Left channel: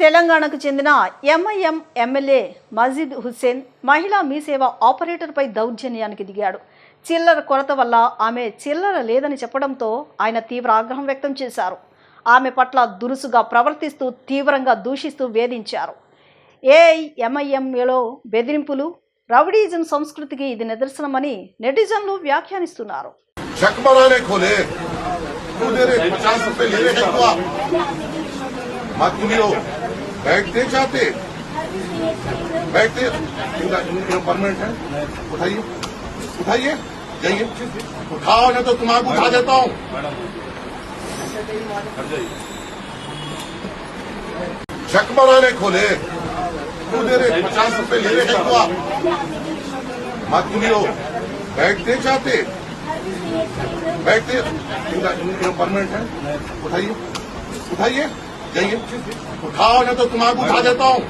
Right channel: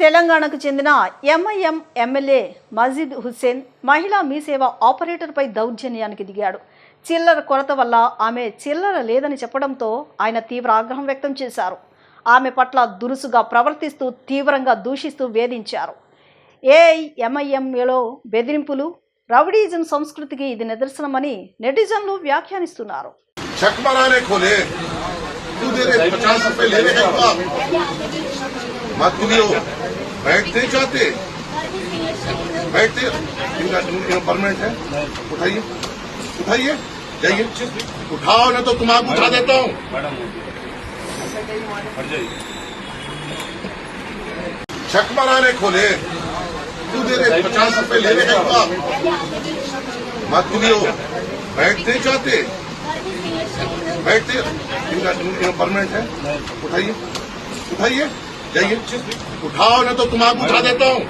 తెలంగాణకు చెందిన MIM MLA మజీద్ హుస్సేన్ మహిళా మీసేవ ఆపరేటర్పై దౌర్జన్యానికి దిగాడు. చిల్లర కొరత వల్ల ఆమె చిల్లర లేదని చెప్పడంతో ఆయన తీవ్ర ఆగ్రహం వ్యక్తం చేశారు. ఆమె పట్ల దురుసుగా ప్రవర్తిస్తూ తీవ్రంగా దూషిస్తూ వేధించారు. ఏఐఎంఐఎంలో బెదిరింపులు, రౌడీజం సంస్కృతికి ఇది నిదర్శనమని నెటిజన్లు వ్యాఖ్యానిస్తున్నారు. बैठते चाहते बैठते परमानेंट है। उठाइए उठाइए जाइए, उठाओ ना तो तुम्हारा उठा देता हूँ। चक बनाने खोले तू दे रहे 50 रुपए ले रहे हैं आप मत सुनियो। बैठते चाहते बैठते परमानेंट है। उठाइए उठाइए जाइए, उठाओ ना तो तुम्हारा उठा देता हूँ।